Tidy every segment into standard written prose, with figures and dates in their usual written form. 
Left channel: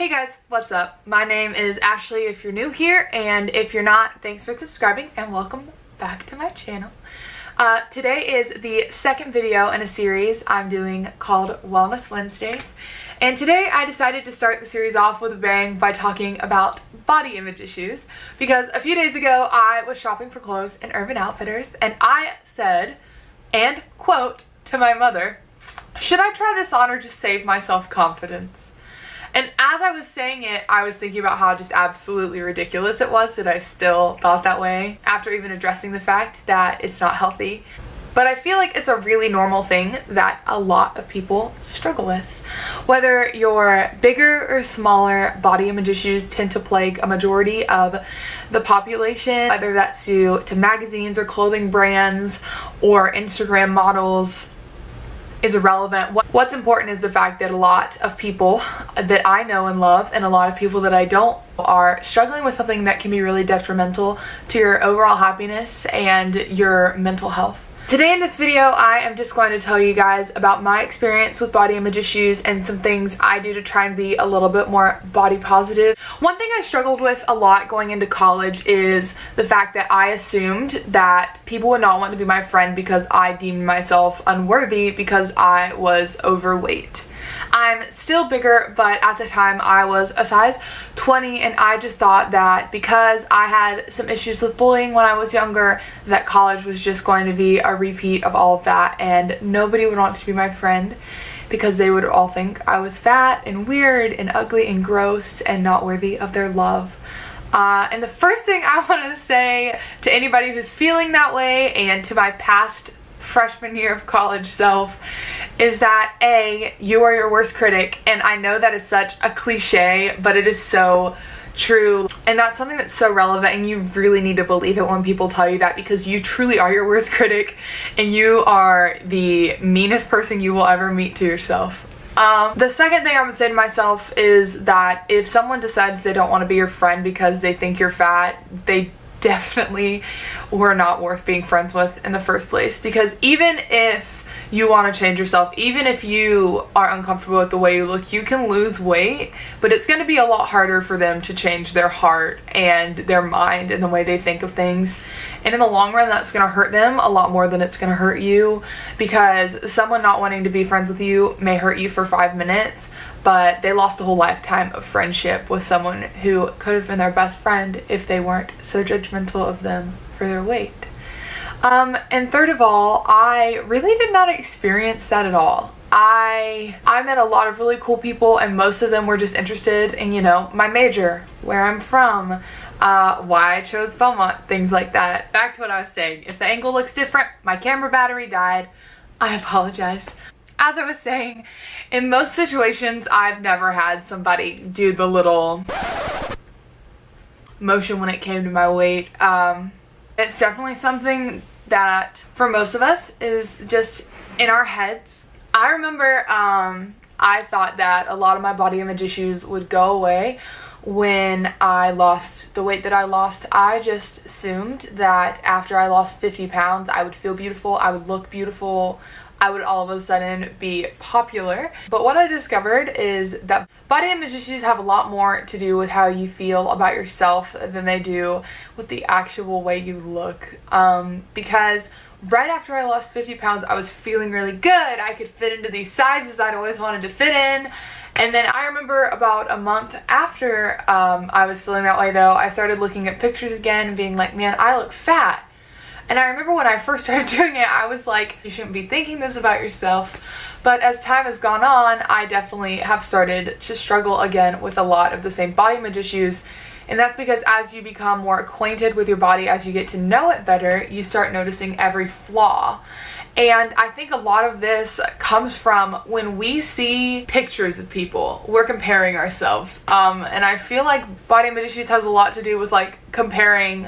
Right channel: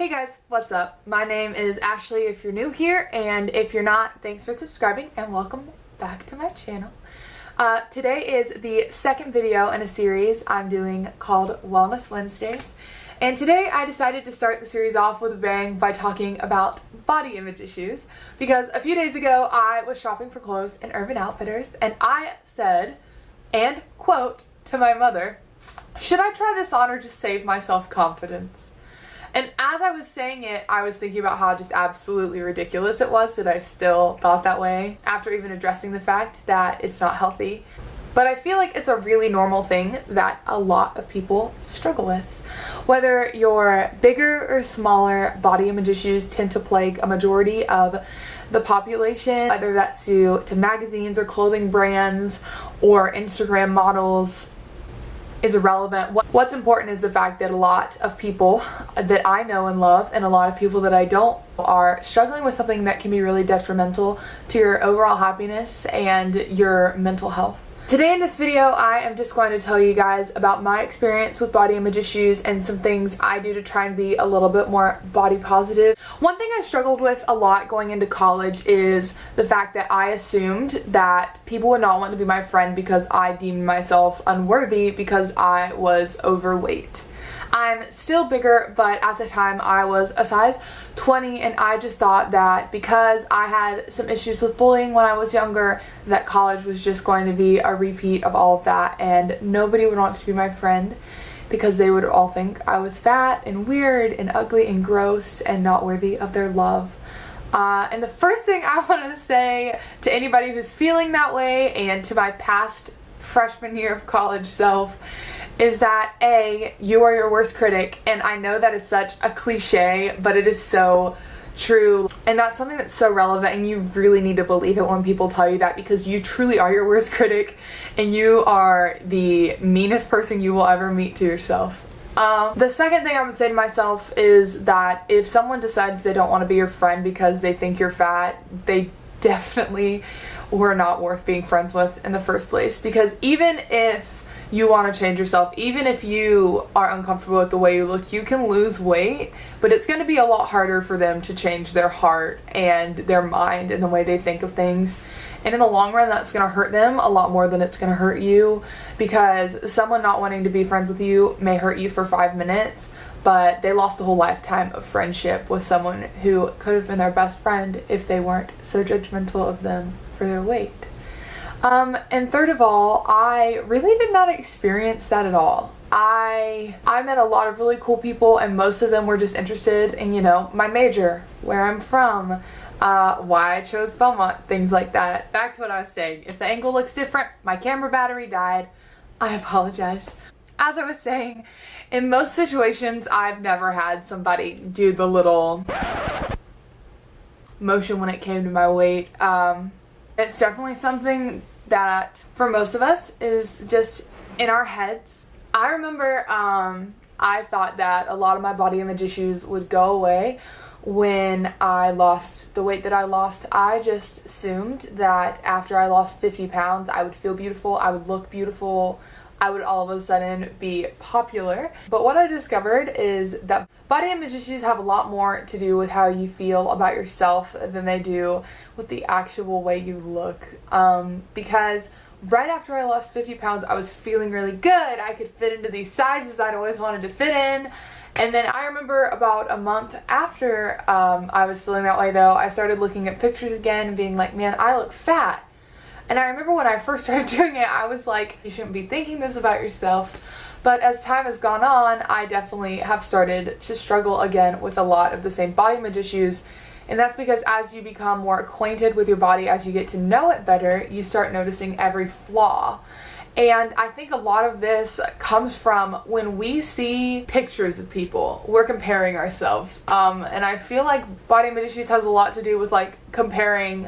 Hey guys, what's up? My name is Ashley if you're new here, and if you're not, thanks for subscribing and welcome back to my channel. Today is the second video in a series I'm doing called Wellness Wednesdays, and today I decided to start the series off with a bang by talking about body image issues, because a few days ago I was shopping for clothes in Urban Outfitters and I said, and quote, to my mother, "Should I try this on or just save my self-confidence?" And as I was saying it, I was thinking about how just absolutely ridiculous it was that I still thought that way after even addressing the fact that it's not healthy. But I feel like it's a really normal thing that a lot of people struggle with. Whether you're bigger or smaller, body image issues tend to plague a majority of the population, whether that's due to magazines or clothing brands or Instagram models is irrelevant. What's important is the fact that a lot of people that I know and love and a lot of people that I don't are struggling with something that can be really detrimental to your overall happiness and your mental health. Today in this video, I am just going to tell you guys about my experience with body image issues and some things I do to try and be a little bit more body positive. One thing I struggled with a lot going into college is the fact that I assumed that people would not want to be my friend because I deemed myself unworthy because I was overweight. I'm still bigger, but at the time I was a size 20, and I just thought that because I had some issues with bullying when I was younger, that college was just going to be a repeat of all of that, and nobody would want to be my friend because they would all think I was fat and weird and ugly and gross and not worthy of their love. And the first thing I want to say to anybody who's feeling that way and to my past freshman year of college self is that A, you are your worst critic, and I know that is such a cliche, but it is so true, and that's something that's so relevant, and you really need to believe it when people tell you that, because you truly are your worst critic and you are the meanest person you will ever meet to yourself. The second thing I would say to myself is that if someone decides they don't want to be your friend because they think you're fat, they definitely were not worth being friends with in the first place. Because even if you want to change yourself, even if you are uncomfortable with the way you look, you can lose weight, but it's going to be a lot harder for them to change their heart and their mind and the way they think of things. And in the long run, that's going to hurt them a lot more than it's going to hurt you, because someone not wanting to be friends with you may hurt you for 5 minutes, but they lost a whole lifetime of friendship with someone who could have been their best friend if they weren't so judgmental of them for their weight. And third of all, I really did not experience that at all. I met a lot of really cool people, and most of them were just interested in, you know, my major, where I'm from, why I chose Belmont, things like that. Back to what I was saying. If the angle looks different, my camera battery died. I apologize. As I was saying, in most situations, I've never had somebody do the little motion when it came to my weight. It's definitely something that for most of us is just in our heads. I remember I thought that a lot of my body image issues would go away when I lost the weight that I lost. I just assumed that after I lost 50 pounds, I would feel beautiful, I would look beautiful, I would all of a sudden be popular. But what I discovered is that body image issues have a lot more to do with how you feel about yourself than they do with the actual way you look. Because right after I lost 50 pounds, I was feeling really good. I could fit into these sizes I'd always wanted to fit in. And then I remember about a month after I was feeling that way though, I started looking at pictures again and being like, man, I look fat. And I remember when I first started doing it, I was like, you shouldn't be thinking this about yourself. But as time has gone on, I definitely have started to struggle again with a lot of the same body image issues. And that's because as you become more acquainted with your body, as you get to know it better, you start noticing every flaw. And I think a lot of this comes from when we see pictures of people, we're comparing ourselves. And I feel like body image issues has a lot to do with like comparing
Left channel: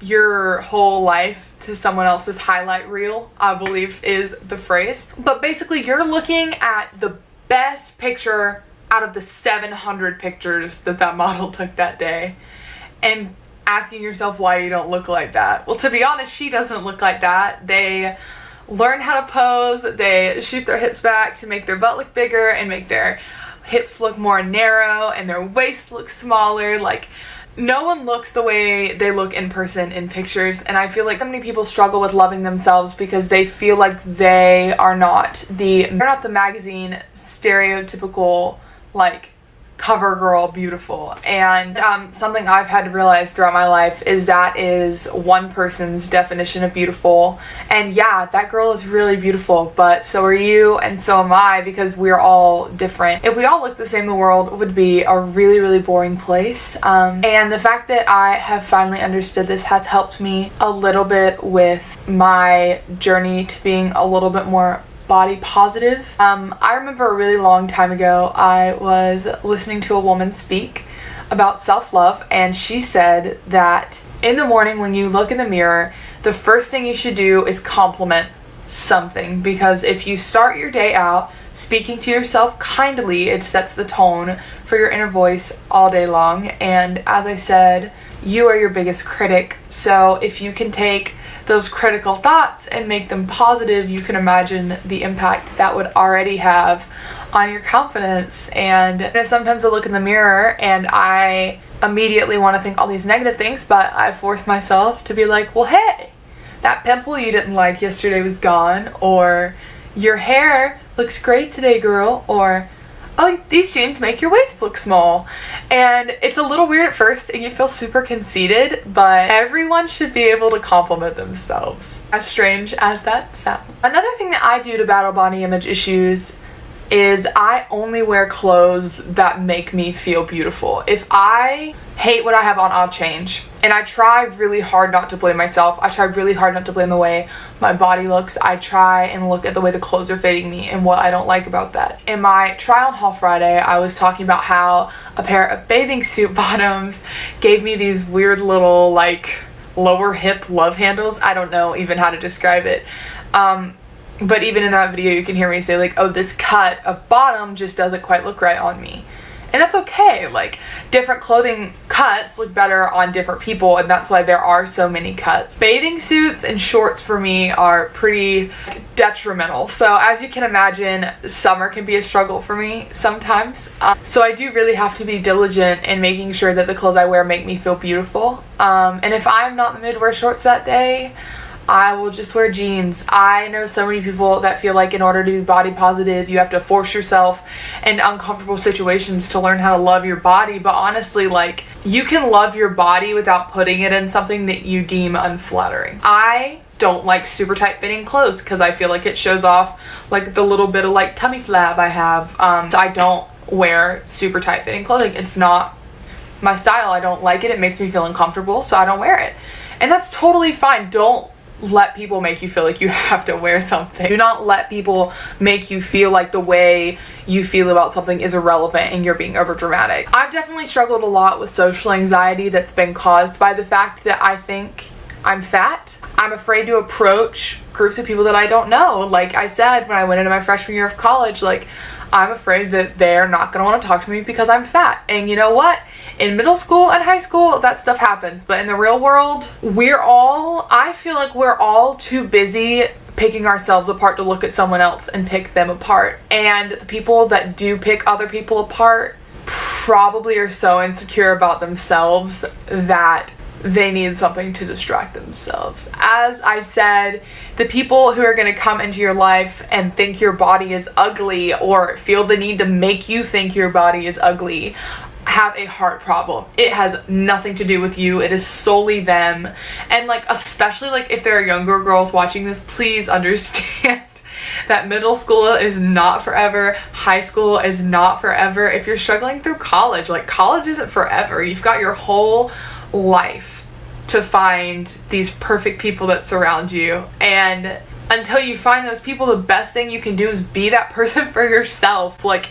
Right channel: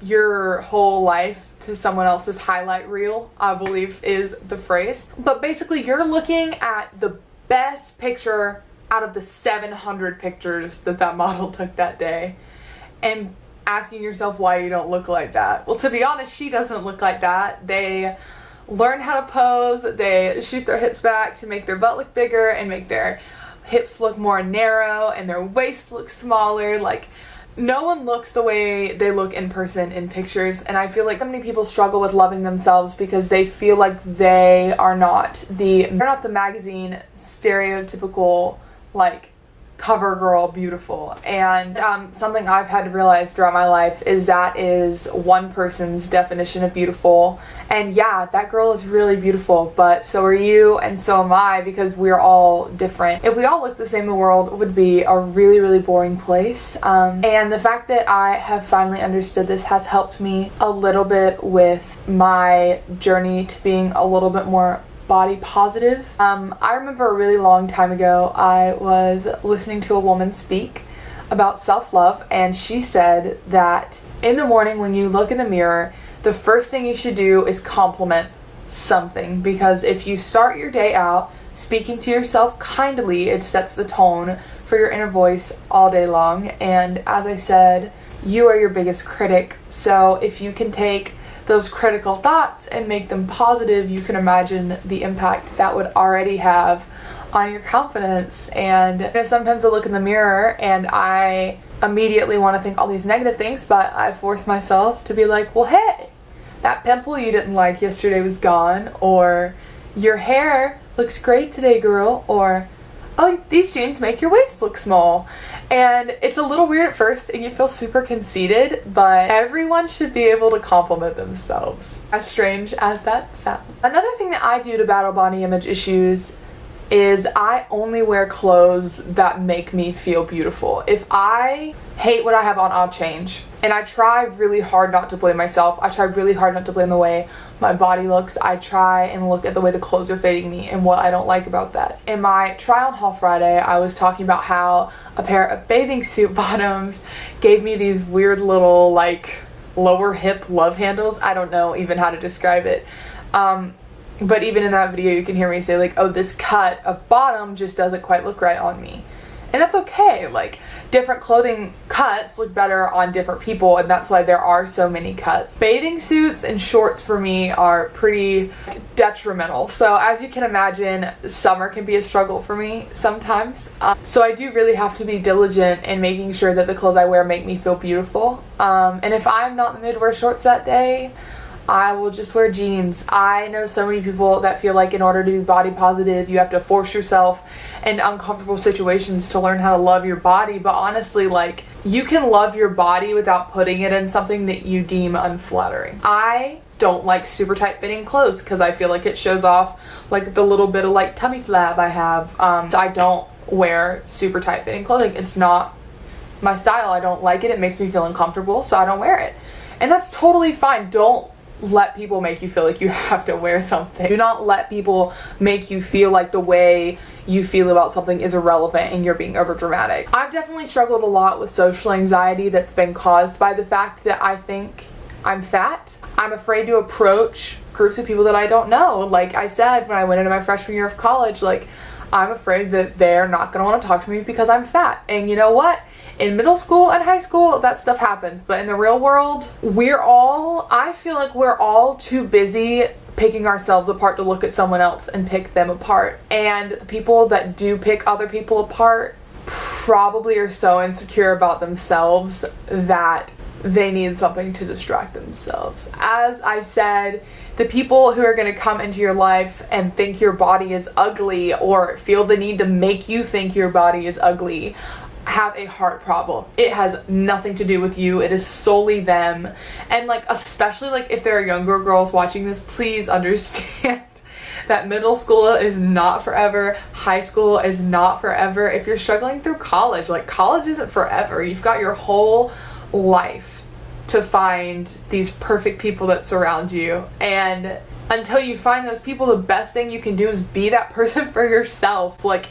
your whole life to someone else's highlight reel, I believe is the phrase. But basically you're looking at the best picture out of the 700 pictures that model took that day and asking yourself why you don't look like that. Well, to be honest, she doesn't look like that. They learn how to pose, they shoot their hips back to make their butt look bigger and make their hips look more narrow and their waist looks smaller. Like, no one looks the way they look in person in pictures, and I feel like so many people struggle with loving themselves because they feel like they're not the magazine stereotypical, like, cover girl beautiful. And something I've had to realize throughout my life is that is one person's definition of beautiful, and yeah, that girl is really beautiful, but so are you and so am I, because we're all different. If we all looked the same, the world would be a really boring place. And the fact that I have finally understood this has helped me a little bit with my journey to being a little bit more body positive. I remember a really long time ago, I was listening to a woman speak about self-love, and she said that in the morning when you look in the mirror, the first thing you should do is compliment something, because if you start your day out speaking to yourself kindly, it sets the tone for your inner voice all day long. And as I said, you are your biggest critic, so if you can take those critical thoughts and make them positive, you can imagine the impact that would already have on your confidence. And sometimes I look in the mirror and I immediately want to think all these negative things, but I force myself to be like, well, hey, that pimple you didn't like yesterday was gone, or your hair looks great today, girl, or oh, these jeans make your waist look small. And it's a little weird at first and you feel super conceited, but everyone should be able to compliment themselves, as strange as that sounds. Another thing that I do to battle body image issues is I only wear clothes that make me feel beautiful. If I hate what I have on, I'll change. And I try really hard not to blame myself. I try really hard not to blame the way my body looks. I try and look at the way the clothes are fitting me and what I don't like about that. In my try on haul Friday, I was talking about how a pair of bathing suit bottoms gave me these weird little, like, lower hip love handles. I don't know even how to describe it. But even in that video, you can hear me say, like, oh, this cut of bottom just doesn't quite look right on me. And that's okay. Like, different clothing cuts look better on different people, and that's why there are so many cuts. Bathing suits and shorts for me are pretty detrimental. So as you can imagine, summer can be a struggle for me sometimes. So I do really have to be diligent in making sure that the clothes I wear make me feel beautiful. And if I'm not in the mood to wear shorts that day, I will just wear jeans. I know so many people that feel like in order to be body positive, you have to force yourself into uncomfortable situations to learn how to love your body. But honestly, like, you can love your body without putting it in something that you deem unflattering. I don't like super tight fitting clothes because I feel like it shows off like the little bit of like tummy flab I have. So I don't wear super tight fitting clothing. It's not my style. I don't like it. It makes me feel uncomfortable, so I don't wear it. And that's totally fine. Don't let people make you feel like you have to wear something. Do not let people make you feel like the way you feel about something is irrelevant and you're being over dramatic. I've definitely struggled a lot with social anxiety that's been caused by the fact that I think I'm fat. I'm afraid to approach groups of people that I don't know. Like I said, when I went into my freshman year of college, like, I'm afraid that they're not going to want to talk to me because I'm fat. And you know what? In middle school and high school, that stuff happens. But in the real world, I feel like we're all too busy picking ourselves apart to look at someone else and pick them apart. And the people that do pick other people apart probably are so insecure about themselves that they need something to distract themselves. As I said, the people who are going to come into your life and think your body is ugly or feel the need to make you think your body is ugly have a heart problem. It has nothing to do with you. It is solely them. And like, especially like if there are younger girls watching this, please understand that middle school is not forever. High school is not forever. If you're struggling through college, like, college isn't forever. You've got your whole life to find these perfect people that surround you, and until you find those people, the best thing you can do is be that person for yourself. Like,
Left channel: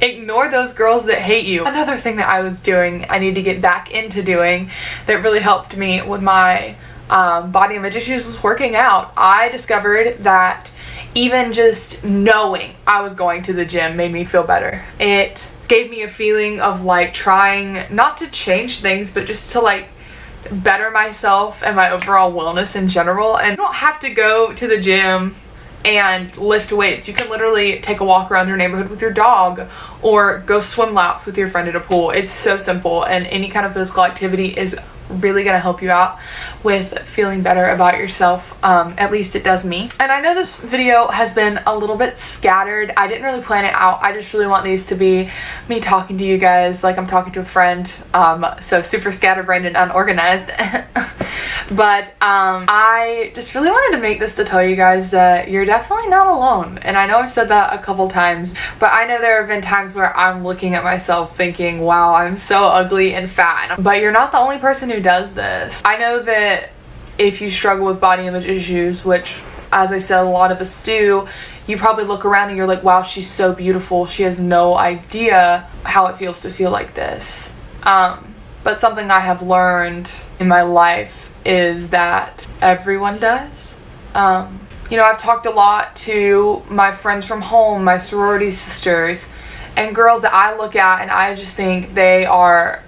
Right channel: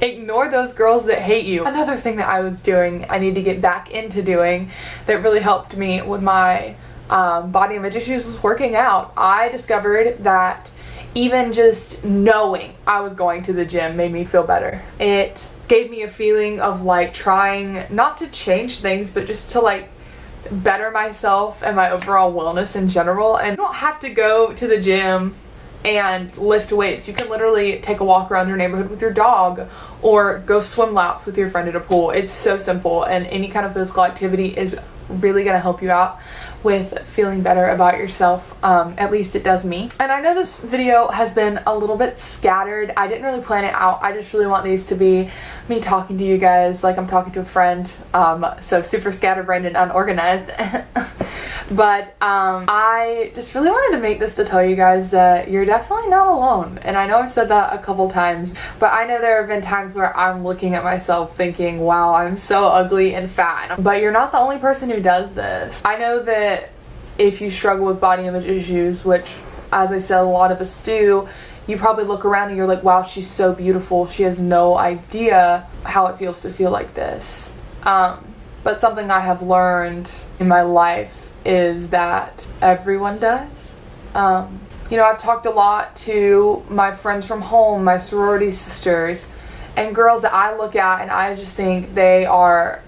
ignore those girls that hate you. Another thing that I was doing, I need to get back into doing, that really helped me with my body image issues was working out. I discovered that even just knowing I was going to the gym made me feel better. It gave me a feeling of like trying not to change things, but just to like better myself and my overall wellness in general. And you don't have to go to the gym and lift weights. You can literally take a walk around your neighborhood with your dog or go swim laps with your friend at a pool. It's so simple, and any kind of physical activity is really gonna help you out with feeling better about yourself. At least it does me. And I know this video has been a little bit scattered. I didn't really plan it out. I just really want these to be me talking to you guys like I'm talking to a friend. So super scatterbrained and unorganized. But I just really wanted to make this to tell you guys that you're definitely not alone. And I know I've said that a couple times, but I know there have been times where I'm looking at myself thinking, wow, I'm so ugly and fat. But you're not the only person who does this. I know that if you struggle with body image issues, which as I said, a lot of us do, you probably look around and you're like, wow, she's so beautiful. She has no idea how it feels to feel like this. But something I have learned in my life is that everyone does. You know, I've talked a lot to my friends from home, my sorority sisters, and girls that I look at and I just think they are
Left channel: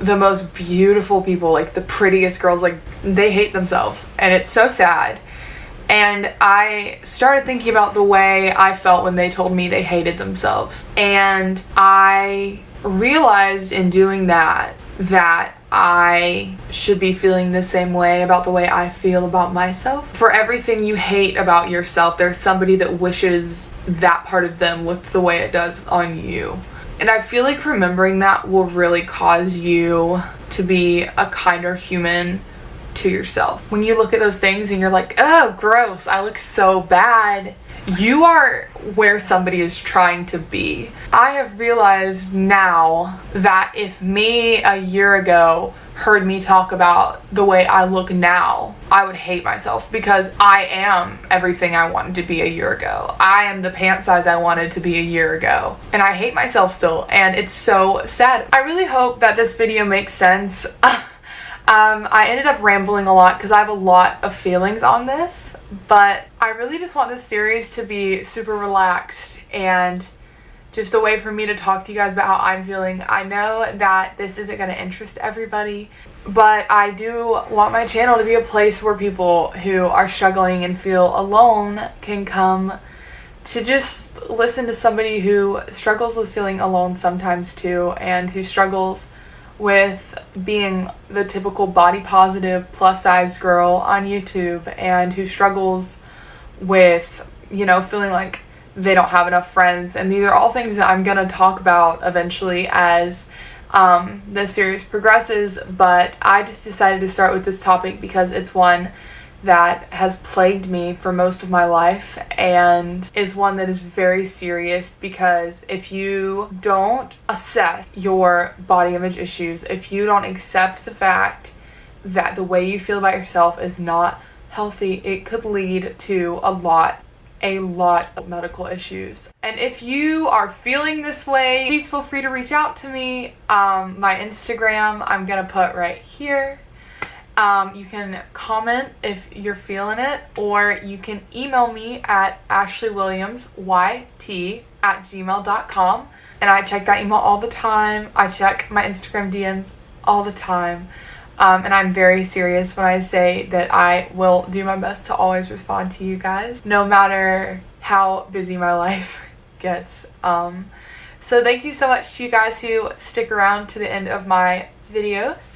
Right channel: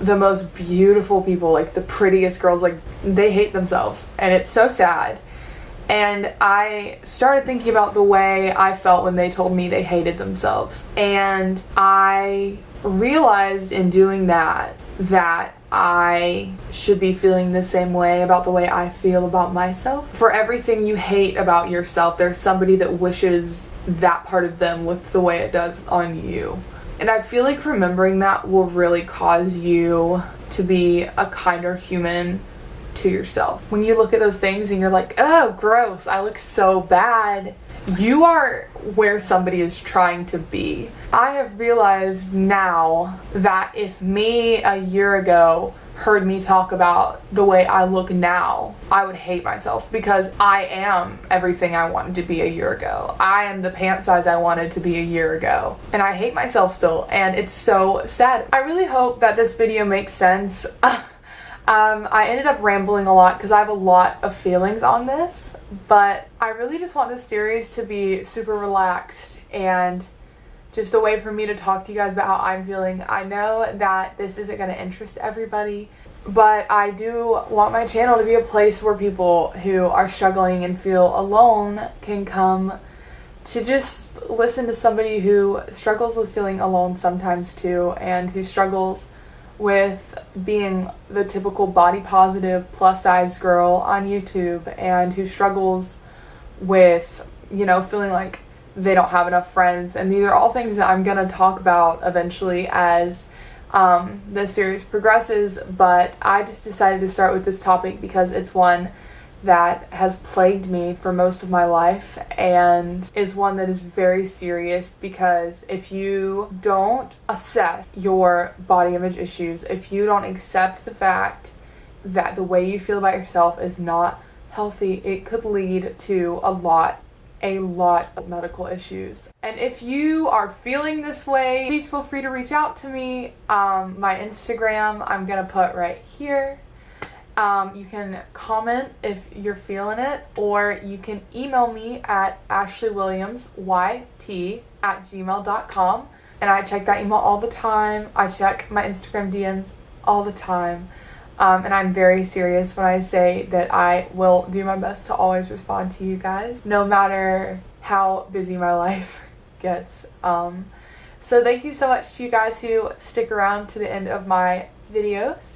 the most beautiful people, like the prettiest girls. Like, they hate themselves, and it's so sad. And I started thinking about the way I felt when they told me they hated themselves, and I realized in doing that I should be feeling the same way about the way I feel about myself. For everything you hate about yourself, there's somebody that wishes that part of them looked the way it does on you. And I feel like remembering that will really cause you to be a kinder human to yourself. When you look at those things and you're like, oh, gross, I look so bad, you are where somebody is trying to be. I have realized now that if me a year ago heard me talk about the way I look now, I would hate myself, because I am everything I wanted to be a year ago. I am the pant size I wanted to be a year ago, and I hate myself still, and it's so sad. I really hope that this video makes sense. I ended up rambling a lot because I have a lot of feelings on this, but I really just want this series to be super relaxed and just a way for me to talk to you guys about how I'm feeling. I know that this isn't going to interest everybody, but I do want my channel to be a place where people who are struggling and feel alone can come to just listen to somebody who struggles with feeling alone sometimes too, and who struggles with being the typical body positive plus size girl on YouTube, and who struggles with, you know, feeling like they don't have enough friends. And these are all things that I'm gonna talk about eventually as this series progresses, but I just decided to start with this topic because it's one that has plagued me for most of my life, and is one that is very serious, because if you don't assess your body image issues, if you don't accept the fact that the way you feel about yourself is not healthy, it could lead to a lot of medical issues. And if you are feeling this way, please feel free to reach out to me. My Instagram I'm gonna put right here. You can comment if you're feeling it, or you can email me at ashlywilliamsyt@gmail.com, and I check that email all the time. I check my Instagram DMs all the time, and I'm very serious when I say that I will do my best to always respond to you guys, no matter how busy my life gets. So thank you so much to you guys who stick around to the end of my videos.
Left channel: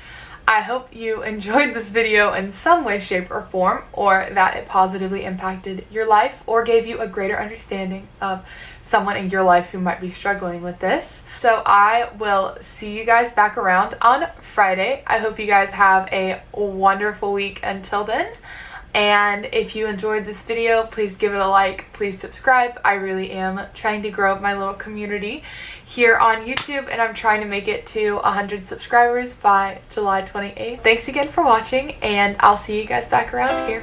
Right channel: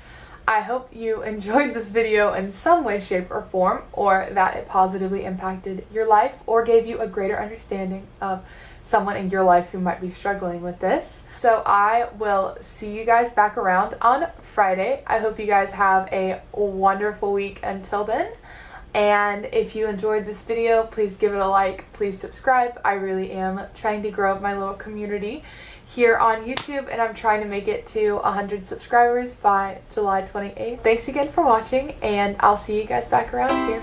I hope you enjoyed this video in some way, shape, or form, or that it positively impacted your life or gave you a greater understanding of someone in your life who might be struggling with this. So I will see you guys back around on Friday. I hope you guys have a wonderful week until then. And if you enjoyed this video, please give it a like, please subscribe. I really am trying to grow up my little community here on YouTube, and I'm trying to make it to 100 subscribers by July 28th. Thanks again for watching, and I'll see you guys back around here.